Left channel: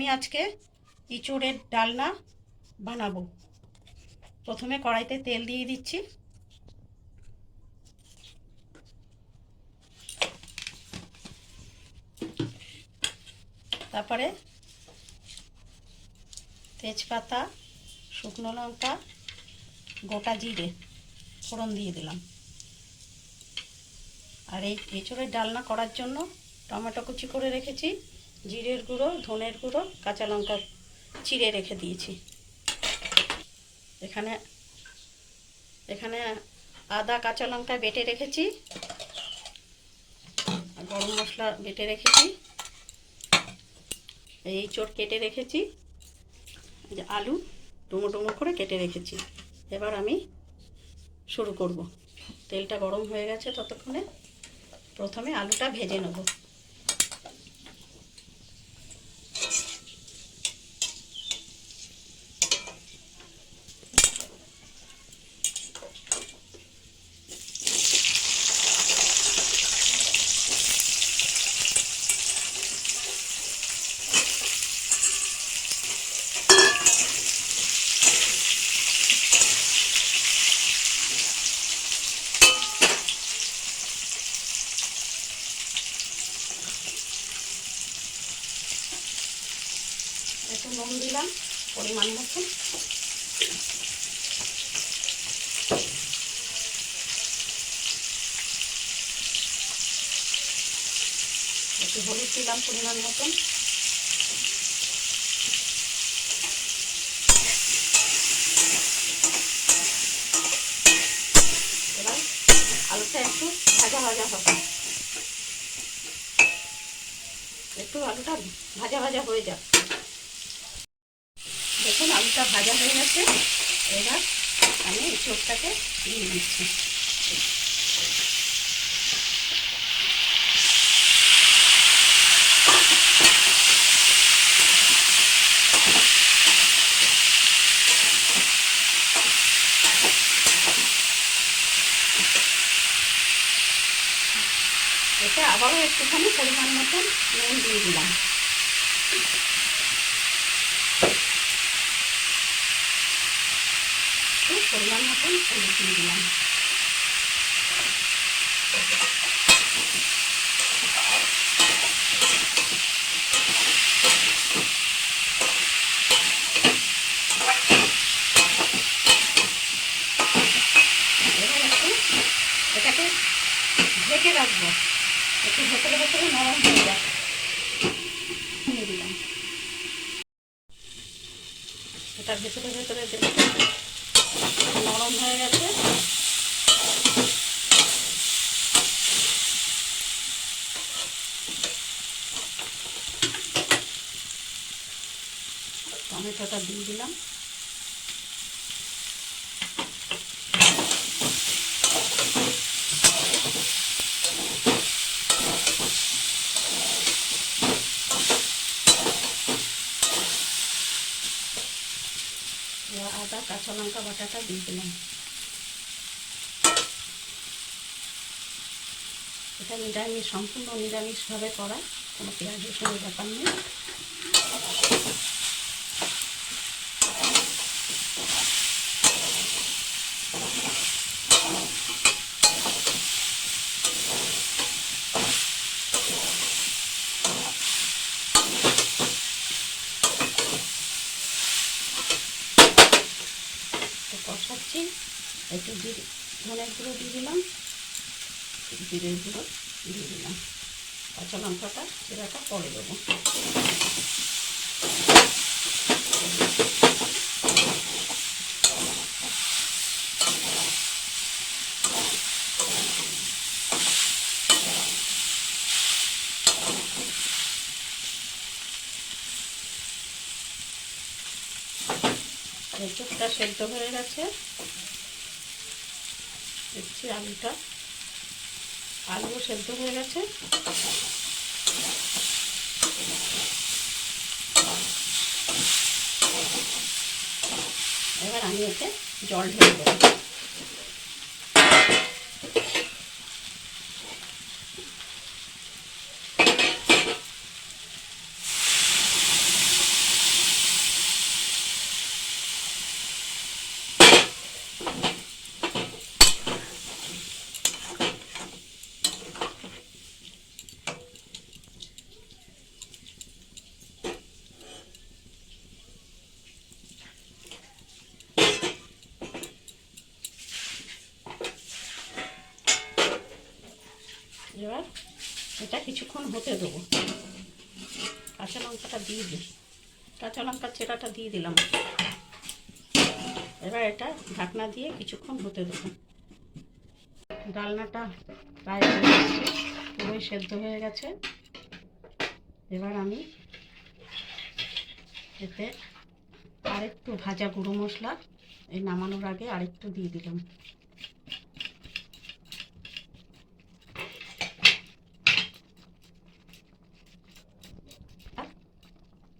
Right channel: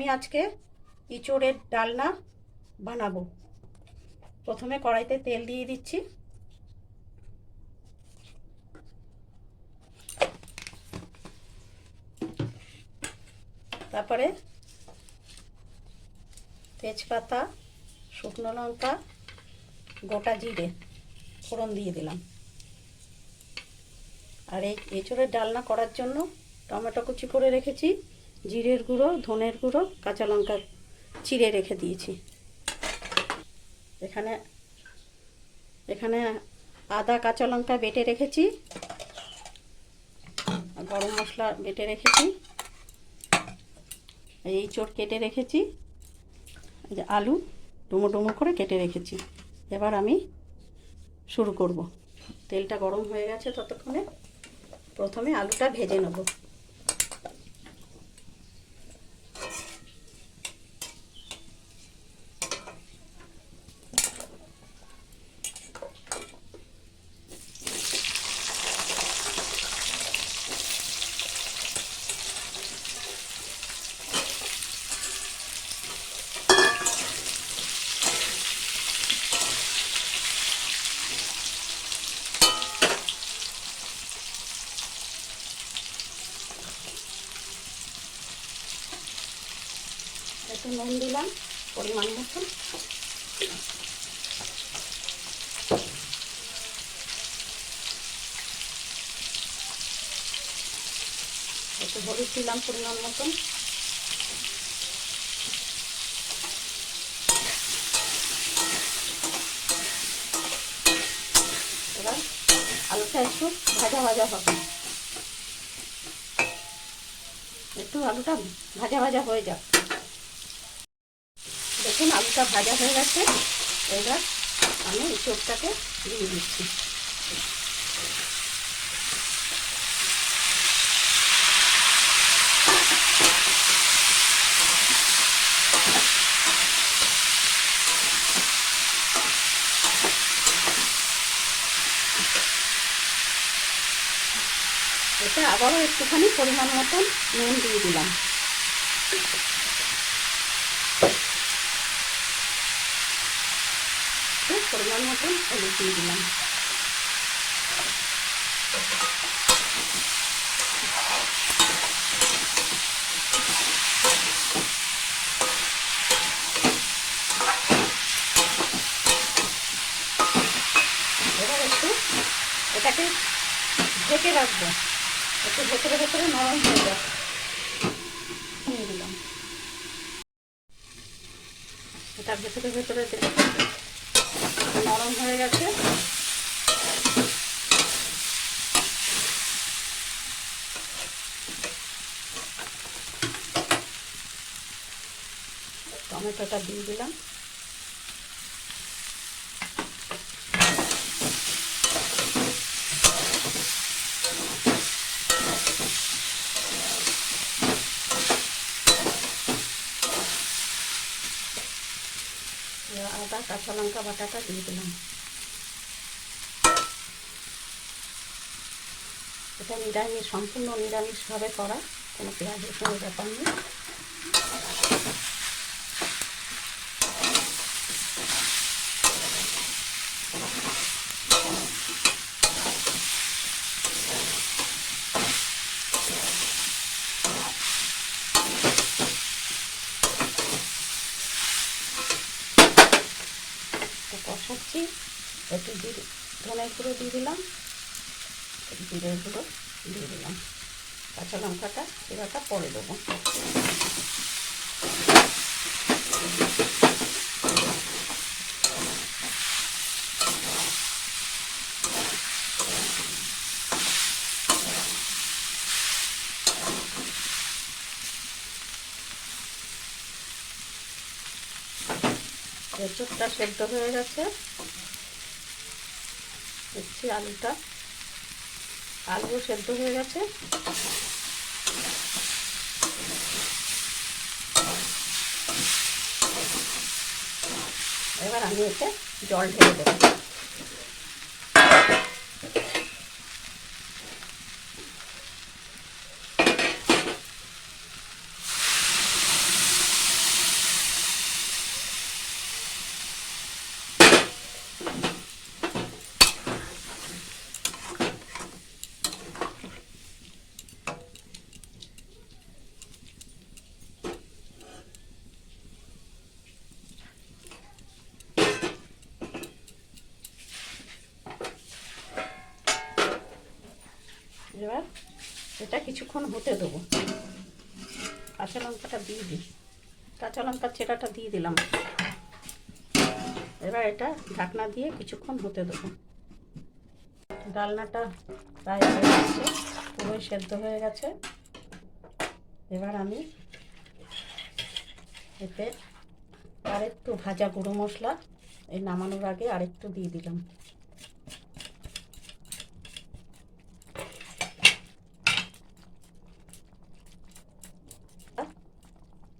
আমি আজকে ইঁচড়ের ডালনা বানাবো। প্রথমে কড়াইতে তেল দিয়ে দিচ্ছি। তারপরে তেজপাতা, শুকনো লঙ্কা, গোটা জিরে ফোড়ন দিয়ে দিলাম। আর এই এঁচড়ের ডালনা করার জন্য টমেটো কুচি করে রেখেছি, জিরের গুঁড়ো, ধনের গুঁড়ো, কাঁচা লঙ্কা চিড়ে রেখে দিয়েছি। এখানে এখানে আদা কাঁচা লঙ্কা বেটে রেখেছি, গরম মশলা বেটে রেখেছি, এঁচড় কেটে রেখেছি, আলু ডুমো ডুমো করে কেটে রেখেছি। এবার আমি শুরু করব। তেলটা গরম হয়ে গেছে, ততক্ষণে প্রথমে আলুটা ভেজে নেব। একটু নুন দিলাম পরিমাণ মতো, একটু হলুদ দিলাম পরিমাণ মতন, এবার আলুটা একটু ভাজা ভাজা হবে। একটু আলুটা ভাজা ভাজা হয়ে যাক। দেখুন আলুটা ভাজা হয়ে গেছে। এবার আমি এঁচড়টাকে দিয়ে দিচ্ছি। এতে আবারও একটুখানি পরিমাণ মতন নুন দিয়ে দিলাম। পরিমাণ মতন হলুদ দিয়ে দিলাম। এবার একটু এটাকে ঢেকে রাখবো, একটু ভেতরে ভেতরে নরম হয়ে যাবে। নিয়ে দিলাম। এটা ভেতরে ভেতরে নরম হয়ে গেছে। টমেটোটা দিয়ে দিলাম। আদা কাঁচা লঙ্কা বাটাটা দিয়ে দিলাম। এটা নিরামিষ, সম্পূর্ণ নিরামিষভাবে করা, কোনো পেঁয়াজ রসুনের ব্যাপার নেই। কষাচ্ছি, একটু ধনের গুঁড়ো দিয়ে দিলাম, জিরের গুঁড়ো দিয়ে দিলাম, কাঁচা লঙ্কাটা চিরাটা পরে দেবো। এঁচড়টা সেদ্ধ হয়ে গেছে। দেখছি আলুও সেদ্ধ হয়ে গেছে। এবার আমি এতে জল ঢেলে দেবো। এটা কিছুক্ষণ হতে দেবো। কাঁচা লঙ্কাটা দিয়ে দিই, কাঁচা লঙ্কার ছেঁড়াটা দিয়ে দিলাম। এবার এটা ঢাকনা দিয়ে কিছুক্ষণ হতে দেবো। ডালনাটা প্রায় হয়ে গেছে, পুরোই সেদ্ধ হয়ে গেছে। এবার আমি এতে আরেকটু ভাজা গুঁড়ো মশলা এই নামানোর আগে আরেকটু দিয়ে দিলাম।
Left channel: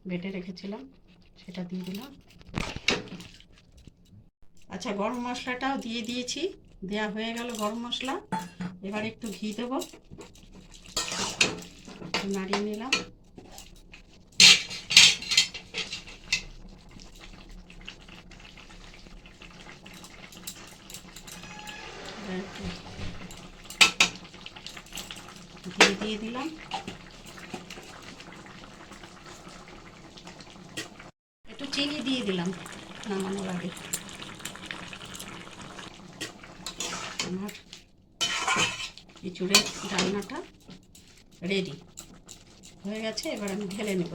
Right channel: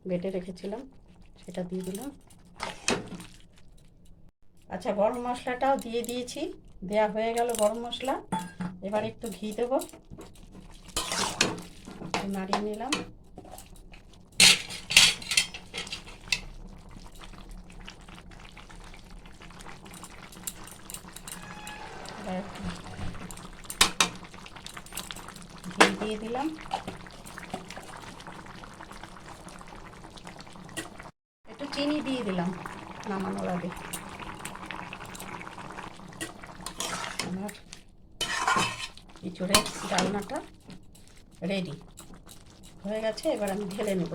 বেটে রেখেছিলাম সেটা দিয়ে দিলাম। আচ্ছা, গরম মশলাটাও দিয়ে দিয়েছি, দেয়া হয়ে গেল গরম মশলা। এবার একটু ঘি দেবো, নাড়িয়ে নিলাম। ঘি দিয়ে দিলাম। একটু চিনি দিয়ে দিলাম নামানোর আগে। আমার এঁচোড়ের ডালনাটা রেডি হয়ে গেছে। এবার আমি ঢেলে নেব।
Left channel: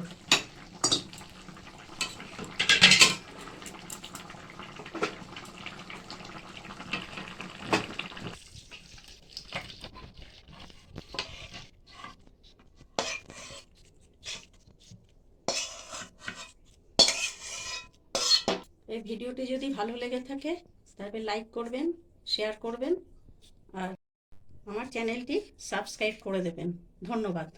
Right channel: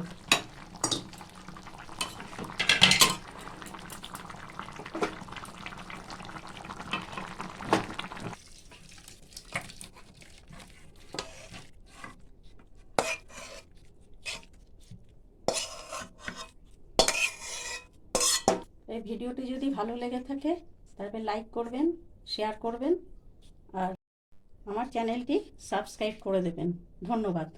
এই ভিডিওটি যদি ভালো লেগে থাকে তবে লাইক করবেন, শেয়ার করবেন আর আমার চ্যানেলটি সাবস্ক্রাইব করে দেবেন। ধন্যবাদ।